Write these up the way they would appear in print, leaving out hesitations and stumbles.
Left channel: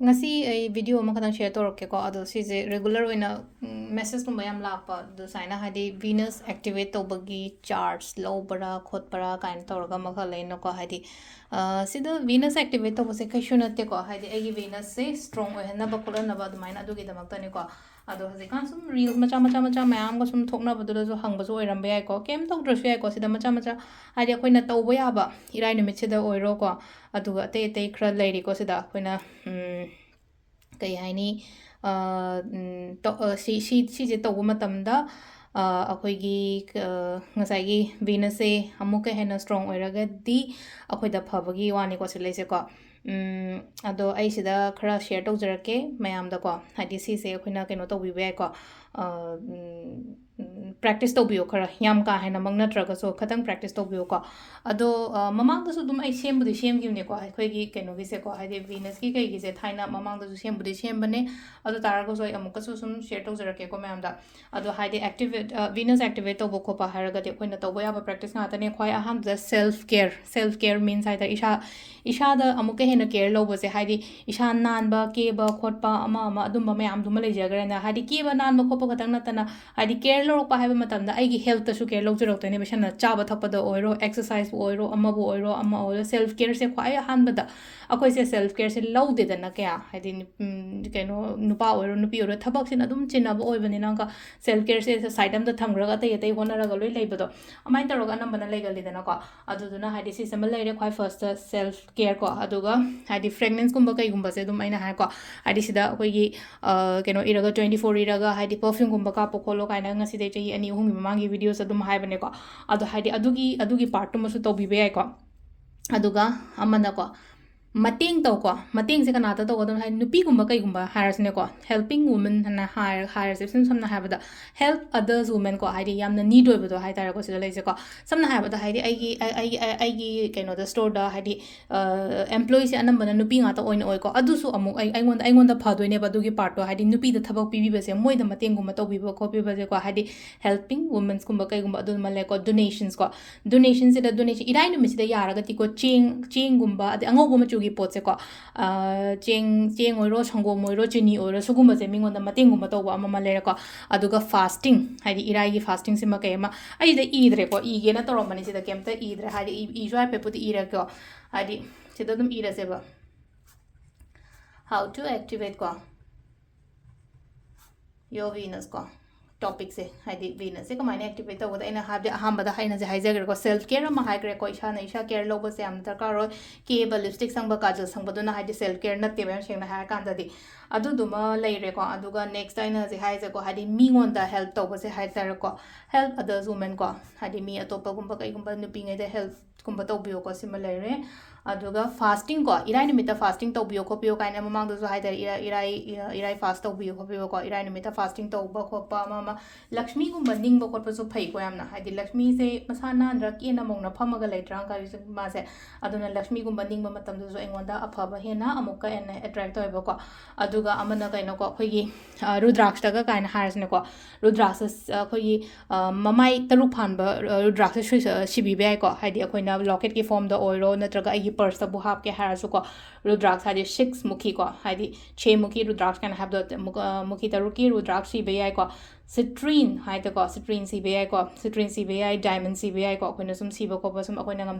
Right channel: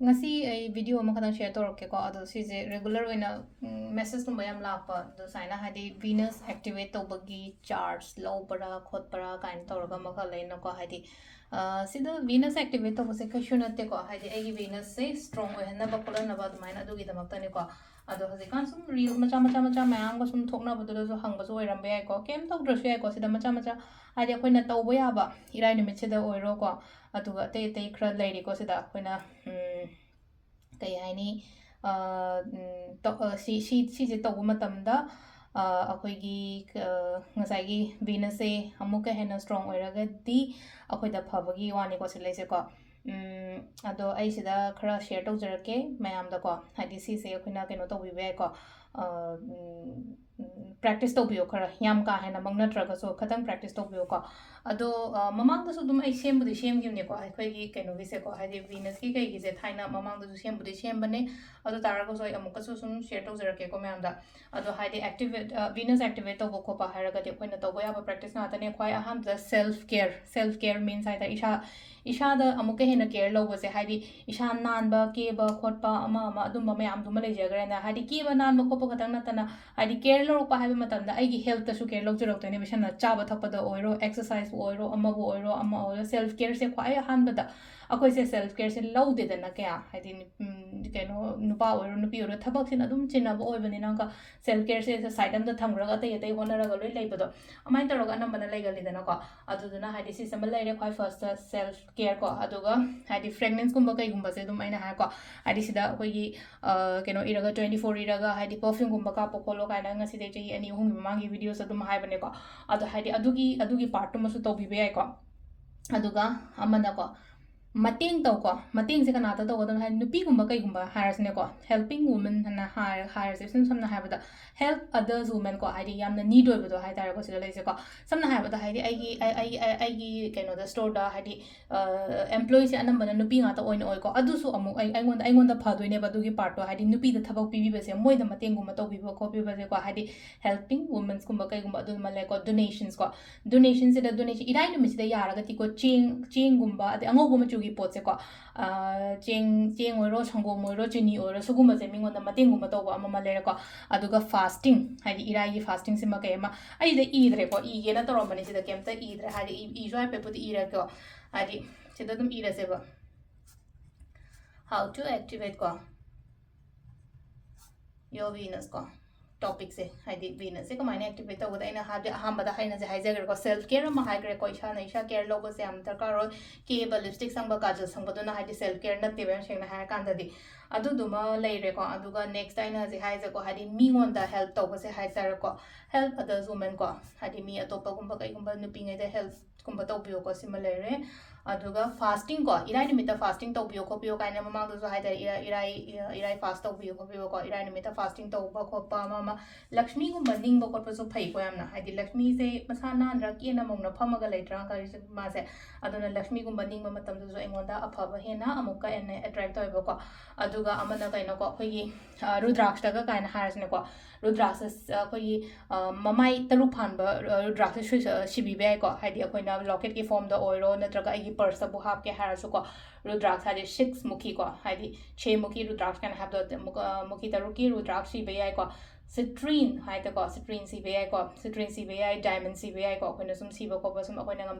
ngasi ai video ma kadang share torok ke ko ado si je regular oina message nu mayam lakpa do saina hadi venus activate to bagi charts low bara khot para kind torga ma kha leina ko hadi sida venus activate to bose kai shunate ko hadi ai venus se strong oina ba kula na ba do maina adu gi damak tani ko ado hazi kan sum reels macha mayam ko sum thokna badula jo hang ba jo oiram be ai ko kem to dress ai ko sida macha hadi akoina tawba ya ba irai nimit sida oiro ko aduga te khra leiri ko sida akoina ꯀꯩ ꯍꯥꯏꯅꯤ ꯁꯤꯁꯦ ꯇꯧꯕ ꯃꯇꯝꯗ ꯑꯩꯈꯣꯏꯒꯤ ꯉꯁꯥꯏꯒꯤ ꯚꯤꯅꯁꯁꯦ ꯑꯃꯨꯛꯀ ꯍꯦꯟꯅ strong ꯑꯣꯏꯔꯒꯗꯤ ꯑꯩꯈꯣꯏꯗ ꯐꯕꯒꯤ ꯋꯥꯅꯤꯀꯣ ꯁꯤꯂꯩꯁꯦꯀꯣ ꯑꯗꯣ ꯑꯩ ꯁꯤꯗ ꯈꯔ ꯁꯦꯌꯔ ꯇꯧꯖꯔꯛꯀꯦ ꯃꯌꯥꯝꯗꯀꯣ ꯍꯥꯏꯗꯤ ꯁꯤꯁꯦ ꯑꯩꯈꯣꯏꯅ ꯀꯩꯅꯣ ꯇꯧꯕꯤꯕ ꯌꯥꯏꯀꯣ ꯄ꯭ꯔꯦꯛꯇꯤꯁ ꯇꯧꯕꯤꯌꯣ ꯈꯔ ꯌꯥꯝ ꯀꯥ ꯍꯦꯟꯅꯃꯛ ꯅꯠꯇ꯭ꯔꯒꯁꯨ ꯈꯤꯇꯪ ꯄ꯭ꯔꯦꯛꯇꯤꯁ ꯇꯧꯕꯤꯌꯣꯀꯣ ꯑꯗꯣ ꯃꯃꯥꯡꯗꯁꯨ ꯑꯗꯨꯝ ꯑꯩ ꯁꯦꯝꯕꯨꯗꯤ ꯁꯦꯝꯈꯤꯕꯅꯦꯀꯣ ꯑꯩꯈꯣꯏꯒꯤ ꯀꯩꯅꯣꯒꯤꯁꯦꯀꯣ ꯍꯥꯏꯗꯤ ꯚꯤꯅꯁꯀꯤ ꯀꯩꯒꯤꯁꯦ ꯊꯥꯏꯅ ꯃꯃꯥꯡꯗꯁꯨ ꯁꯦꯝꯕꯨꯗꯤ ꯁꯦꯝꯕꯅꯦ ꯑꯗꯨ ꯇꯥꯔꯒꯁꯨ ꯑꯩ ꯑꯃꯨꯛꯀꯁꯨ ꯁꯨꯝ ꯁꯦꯌꯔ ꯇꯧꯖꯔꯛꯀꯦꯀꯣ ꯃꯌꯥꯝꯗ ꯑꯗꯣ ꯍꯥꯏꯗꯤ ꯑꯦꯛꯇꯤꯚꯦꯠ ꯚꯤꯅꯁ ꯑꯦꯛꯇꯤꯚꯦꯠ ꯇꯧꯕ ꯈꯣꯠꯄ ꯍꯥꯏꯔꯒꯗꯤ ꯑꯩꯈꯣꯏꯅ ꯇꯧꯕ ꯌꯥꯕ ꯄ꯭ꯔꯦꯛꯇꯤꯁ ꯉꯥꯛꯇꯅꯦ ꯈ꯭ꯋꯥꯏ ꯑꯍꯥꯟꯕꯗ ꯁꯦꯜꯐ ꯀꯦꯌꯔ ꯃꯤꯟꯁ ꯍꯥꯏꯇꯥꯔꯦ ꯏꯁꯥꯗ ꯑꯃꯨꯛꯀ ꯍꯦꯟꯅ ꯀꯦꯌꯔ ꯂꯧꯕꯁꯦ ꯍꯥꯏꯗꯤ ꯏꯁꯥ ꯅꯥꯟꯕ ꯀꯦꯕ ꯈꯣꯠꯄ ꯑꯃ ꯑꯗꯨꯝꯕ ꯃꯌꯥꯝꯗꯨꯃ ꯂꯩꯖꯈ꯭ꯔꯦꯅ ꯍꯥꯏꯗꯤ ꯀꯦꯕ ꯅꯥꯟꯕ ꯈꯣꯠꯄ ꯈꯛꯇꯪ ꯅꯠꯇꯅ ꯍꯥꯏꯗꯤ ꯀꯦꯌꯔ ꯂꯧꯔꯛꯄ ꯍꯥꯏꯕ ꯃꯇꯝꯗ ꯑꯩꯒꯤ ꯍꯦꯜꯠꯇꯁꯨ ꯀꯦꯌꯔ ꯂꯧꯖꯔꯛꯇꯣꯏꯅꯦꯕ ꯏꯁꯥꯅ ꯆꯥꯕ ꯊꯛꯄꯗ ꯑꯣꯏꯔꯣ ꯑꯦꯛꯁꯔꯁꯥꯏꯖꯕꯨ ꯑꯣꯏꯔꯣ ꯑꯃꯕꯨ ꯑꯣꯏꯔꯣ ꯑꯃ ꯑꯣꯏꯔꯣ ꯁꯦꯜꯐ ꯀꯦꯌꯔꯁꯦ ꯈ꯭ꯋꯥꯏ ꯑꯍꯥꯟꯕꯗ ꯑꯩꯈꯣꯏꯁꯦ ꯁꯦꯜꯐ ꯀꯦꯌꯔꯁꯦ ꯂꯧꯗꯦꯗꯅ ꯀꯌꯥ ꯍꯥꯏꯗꯤ ꯀꯩꯅꯣ ꯅꯨꯄꯥ ꯑꯣꯏꯔꯣ ꯅꯨꯄꯤ ꯑꯣꯏꯔꯣ ꯊꯕꯛꯁꯤꯅ ꯑꯗꯨꯝ ꯆꯤꯟꯅꯕ ꯑꯣꯏꯕꯅꯤꯅ ꯁꯦꯜꯐ ꯀꯦꯌꯔꯁꯦ ꯁꯥꯏꯠ ꯑꯝꯗ ꯊꯝꯈ꯭ꯔꯒ ꯑꯇꯩ ꯍꯣꯠꯅꯔꯒ ꯂꯣꯏ ꯂꯩꯕꯗꯣ ꯑꯗꯨꯃꯥꯏꯅ ꯇꯧꯔꯒ ꯑꯅꯝꯕꯅ ꯂꯩꯒꯜꯂꯤꯗꯅꯀꯣ ꯑꯗꯨꯗꯨꯅ ꯍꯥꯏꯗꯤ ꯁꯤꯁꯦ ꯑꯃ ꯂꯩꯔꯦ ꯈ꯭ꯋꯥꯏ ꯐꯥꯔꯁꯇ ꯁꯦꯜꯐ ꯀꯦꯌꯔ ꯀꯣ ꯑꯗꯨꯒ ꯍꯥꯏꯗꯤ ꯐ꯭ꯔꯦꯒꯅꯦꯟꯁꯀꯨꯝꯕ ꯀꯩꯒꯨꯝꯕꯁꯦ ꯑꯗꯨꯝ ꯑꯩꯅ ꯍꯥꯏꯀꯣ ꯍꯥꯏꯗꯤ ꯁꯤꯗ ꯑꯩꯈꯣꯏꯒꯤ ꯀꯩꯅꯣ ꯏꯔꯒ 24 ꯏꯔꯒ ꯍꯥꯏꯗꯤ ꯄꯔꯐ꯭ꯌꯨꯝꯒꯨꯝꯕ ꯀꯥꯞꯄ ꯈꯣꯠꯂꯣ ꯀꯥꯏꯅ ꯉꯁꯤꯗꯩ ꯆꯍꯤ 2-3ꯒꯤ ꯃꯃꯥꯡꯒꯤ ꯚꯤꯗꯤꯑꯣꯁ ꯑꯗꯨꯝ ꯍꯥꯏꯕꯅꯦꯀꯣ ꯑꯗꯣ ꯍꯥꯏꯗꯤ ꯑꯗꯨꯒꯤ ꯄꯥꯔꯠꯇꯨꯃꯁꯨ ꯇꯧꯕꯤꯕ ꯌꯥꯏꯀꯣ ꯑꯗꯨꯒ ꯑꯃꯅꯀꯣ ꯃꯇꯦꯡ ꯇꯧꯀꯣ ꯃꯇꯦꯡꯁꯦ ꯀꯅꯥꯗ ꯇꯧꯒꯗꯕꯅꯣ ꯍꯥꯏꯗꯤ ꯅꯨꯄꯤꯒꯨꯝꯕ ꯀꯩꯒꯨꯝꯕ ꯍꯥꯏꯔꯁꯤꯅꯦꯀꯣ ꯍꯦꯜꯄꯤꯡ ꯋꯨꯃꯟ ꯍꯥꯏꯅ ꯍꯥꯏꯔꯁꯦ ꯁꯝꯅ ꯍꯥꯏꯔꯕꯗ ꯍꯦꯜꯞ ꯑꯗꯔꯁ ꯋꯨꯃꯦꯟ ꯀꯣ ꯍꯥꯏꯗꯤ ꯌꯥꯝꯅ ꯅꯤड ꯑꯣꯏꯕꯗꯣ ꯍꯥꯏꯇꯥꯔꯦꯀꯣ ꯁꯤꯗ ꯂꯩꯁꯦꯀꯣ ꯁꯝꯅ ꯍꯥꯏꯔꯕꯗ ꯍꯥꯏꯗꯤ ꯑꯩꯒꯤ ꯀꯩꯅꯣꯗ ꯁ꯭ꯇꯣꯔꯗ ꯍꯥꯏꯗꯤ ꯑꯦꯝꯄ꯭ꯂꯣꯌꯤꯁꯦ ꯑꯅꯝꯕꯅ ꯅꯨꯄꯤ ꯉꯥꯛꯇ ꯑꯣꯏꯀꯣ ꯑꯗꯨꯁꯨ ꯑꯃꯨꯛ ꯑꯩꯉꯣꯟꯗ ꯐꯗꯣꯏꯅꯦꯕ ꯑꯗꯨꯒꯤ ꯄꯥꯔꯠꯇꯣ ꯍꯥꯏꯗꯤ ꯅꯨꯄꯤꯗ ꯊꯕꯛ ꯄꯤꯕꯤꯕꯁꯦ ꯃꯣꯏꯗ ꯃꯇꯦꯡꯒꯨꯝꯕ ꯇꯧꯕꯤꯕ ꯈꯣꯠꯄꯤꯕꯁꯦꯀꯣ ꯍꯥꯏꯗꯤ ꯍꯦꯜꯄꯤꯡ ꯋꯨꯃꯟꯁꯀꯨꯝꯕ ꯀꯩꯒꯨꯝꯕ ꯑꯗꯨꯃ ꯂꯩꯀꯣ ꯗꯣꯅꯦꯁꯟꯁ ꯀꯣ ꯗꯣꯅꯦꯁꯟꯁꯤꯗ ꯗꯣꯅꯦꯁꯟ ꯏꯔꯥꯏ ꯅꯨꯃꯤꯠꯁꯤꯗ ꯌꯥꯔꯒꯗꯤꯀꯣ ꯆꯦꯡꯒꯨꯝꯕ ꯑꯗꯩ ꯑꯉꯧꯕ ꯃꯆꯨꯒꯤ ꯄꯣꯠꯁꯦꯀꯣ ꯆꯦꯡ ꯑꯣꯏꯔꯣ ꯁꯪꯒꯣꯝ ꯑꯣꯏꯔꯣ ꯆꯤꯅꯤ ꯑꯣꯏꯔꯣ ꯁꯤꯒꯨꯝꯕꯁꯦ ꯃꯤꯉꯣꯟꯗ ꯃꯇꯦꯡꯒꯨꯝꯕ ꯇꯧꯕ ꯑꯃ ꯂꯩꯔꯦꯀꯣ ꯑꯗꯨꯒ ꯐꯥꯁꯇꯤꯡ ꯍꯥꯏꯗꯤ ꯏꯔꯥꯏꯒꯤ ꯐꯥꯁꯇꯤꯡꯁꯤꯃ ꯀꯩ ꯑꯃ ꯑꯩꯁꯤꯗ ꯏꯗ꯭ꯔꯦꯀꯣ ꯏꯒꯦꯅ ꯇꯧꯔꯝꯕꯅꯤ ꯁꯤꯗ ꯀꯩꯝꯇ ꯏꯗ꯭ꯔꯦ ꯍꯥꯏꯗꯤ ꯏꯁꯨ ꯍꯥꯏꯐꯦꯠꯄꯨꯗꯤ ꯏꯔꯦꯀꯣ ꯍꯥꯏꯗꯤ ꯁꯤꯗ ꯑꯗꯨꯝ ꯏꯔꯁꯦꯕ how to activate ko your venus ko topic se haidi venus se kamaina activate tawada aina habde ahambada haina je haijagre ko self care ma haigre ko isha care logo se am darkar ro ke ba lipstick sangba kajal sangba duna haidi self care na tebe shengna ha kan dadi adu duma leire ko aduga next aina je haije ko haidi mi ngonda help tawba se haijare ko help others women ko haidi mi atopa gumba kai gumba nupi ngai de help gumba tawbiyo ko sima leire aduga fasting ko irai nimita fasting tawbiyo ko piyo kaina mamang du haida irai fast tawbiyo ko piyo ko irai nimita fasting tawba ko pa mama lakshmi gumba ningba ko pa so phai ko yamna haidi lakshmi se masana andra ke na mongna phamaga leitra ka ri ma se aduna lakshmi gumba ningba matam du so engonda aphaba hena amuka en attract toiba ko aduga amana kaino ko khoi rudraksha daga kaina harsne ko rudraksha khoi mamai taru phanba rudraksha shibi bai ko haidi akoina locket ki form da oiro natraga ai purse तब हाप के हारसु को रुद्राक्ष हादि 6 मुखी को हादि 6 मुखी रुद्राक्ष can have the मुखी तरुकी रुद्राक्ष सी बेयाय को citrine high त को सिट्रीन सी बेयाय को सिट्रीन सी बेयाय डायमंड सी बेयाय को अखोइन सुम सीबो को बसम अखोइन ngam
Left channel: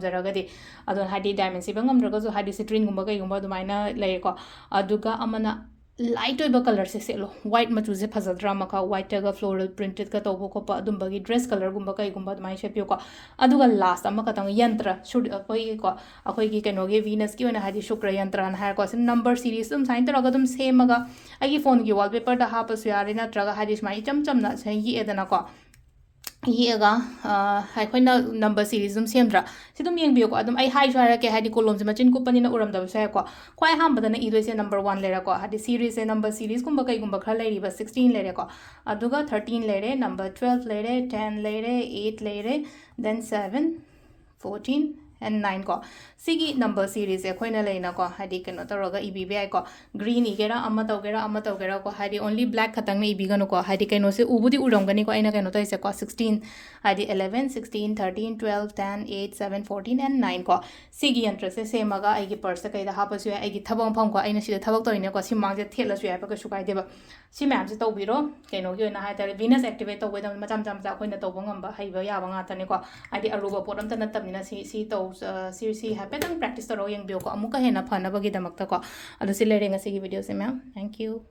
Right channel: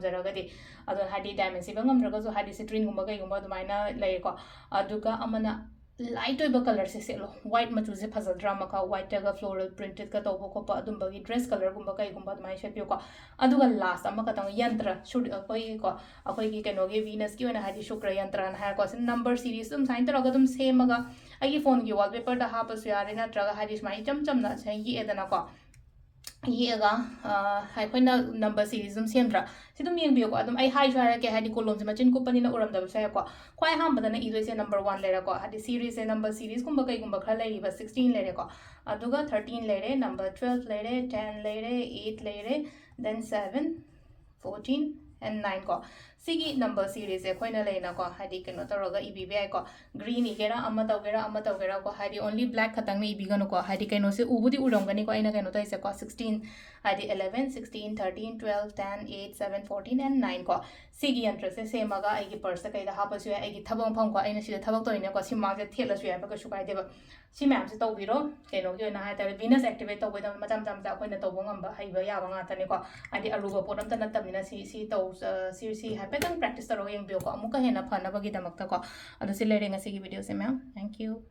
अदो हादि डायमंड सी बंगम द्रगसु हादि सिट्रीन गुम्बा कै गुम्बा दुमाइना ले को अदुगा अमना लाइट ओइबा कलर से सेलो व्हाइट मचू से फजद्रा मका व्हाइट तगा फ्लोरल प्रिंटेड का तोबो को अदुम्बगी ड्रेस कलर गुम्बा कै गुम्बा दुमाइ शेपियो को अदुगा लास्ट अमा कतंग यंत्र शुड अखोइ को अखोइ की कनोगे वीनस की ओना हादि शुक्र यंत्र न हार को से नंबर सीरीज तुम साइन तरगा तुम सेमगा आगी फोन की वॉलपेपर दा हापस यारे नत्रगा हादि स्माइ चम ना से येदना को येगा हाइखोइना नंबर सीरीज तुम सेमद्रा से तुम येंबियो को अदुम आई हाइ जारा के हादि कोलम से मचिन कुपनी ना उरम दब से को क्वाइ हाम बदना इदो से नंबर 1 लेरा को हादि सीरीज से नंबर सीरीज कुंबा कई कुंबा खरा लेरी बस 16 लेरे को अदुगा 13 लेरे नंबर 12 लेरे 10 लेरे 8 लेरे then 7 14 and 9 ko Sigi number series ekhoina leina ko hadi keno toroga ibi be ko green igera amma togera ko hadi only black khatang na ibi gano ko hadi keno se ubudi urongani ko aina keno toise ko 16 hadi 11 16 13 12 10 8 7 14 and 9 ko sigi yantra se semaga ai gi purse kai da hapasu ai gi thabong pham ko aina sida thabok toine ko simang je thela su ya ba ko su kai deba si map se to biro keno gi na ha ta venus activate to ba macam macam ja koina to bong amba hai ba ya ba nga ta ne ko adi aruba podam ta natam na si to si happen practice to royang bio ko amuka hena phana bagi damak ta ko adu si lere nga sigi video se ma'am thank you